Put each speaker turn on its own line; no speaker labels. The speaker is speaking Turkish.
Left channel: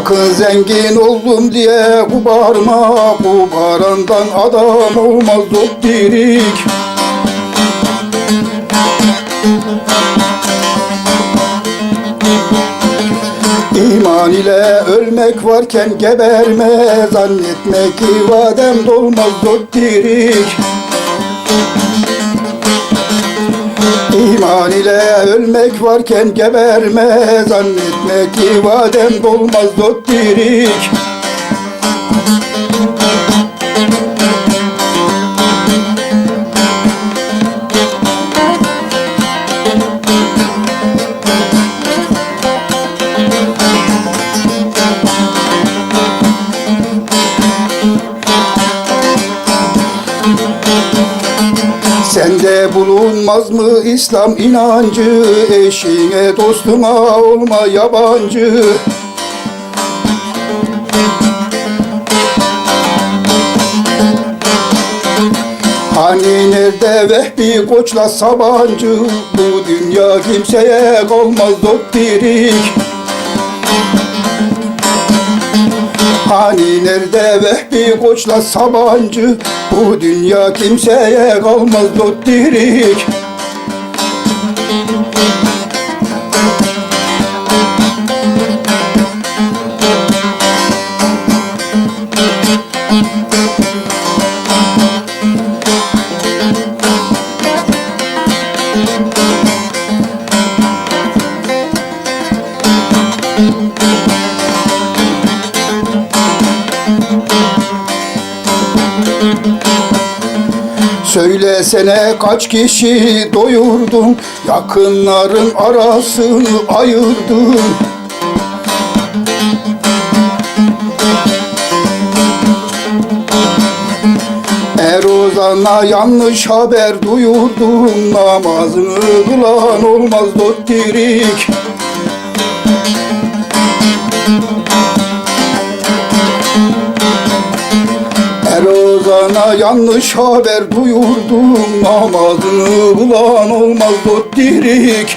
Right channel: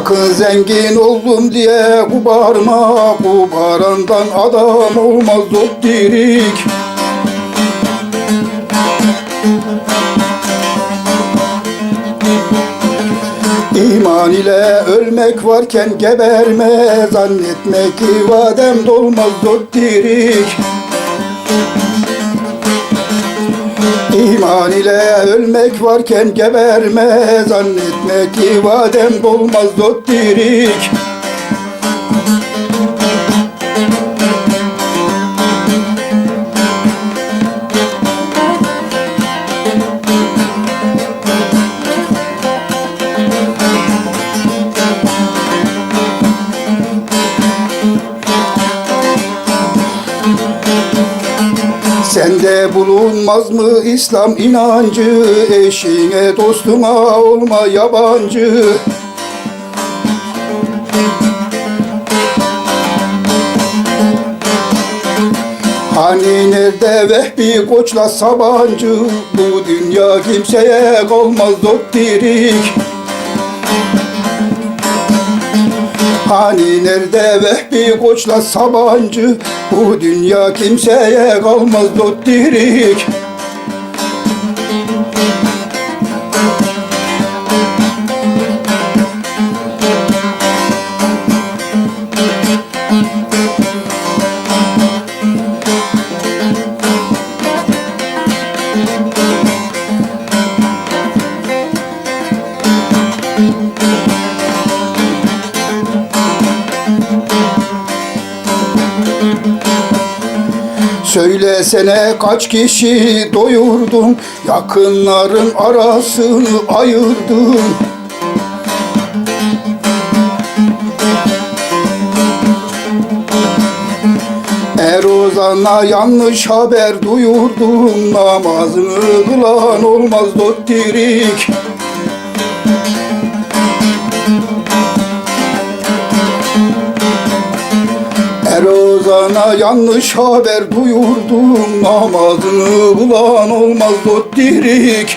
Sakın zengin oldum diye kubarma Kubarandan adam olmaz doptirik İman ile ölmek varken geberme Zannetme ki vadem dolmaz doptirik İman ile ölmek varken geberme. Zannetme ki vadem dolmaz doptirik Sende bulunmaz mı İslam inancı? Eşine dostuna olma yabancı. Hani nerede Vehbi Koç'la Sabancı? Bu dünya kimseye kalmaz doptirik Hani nerede Vehbi Koç'la Sabancı? Bu dünya kimseye kalmaz doptirik Söylesene kaç kişi doyurdun? Yakınların arasını ayırdın. Er ozana yanlış haber duyurdun. Namazını kılan olmaz dottirik Er ozana yanlış haber duyurdum Namazını bulan olmaz dottirik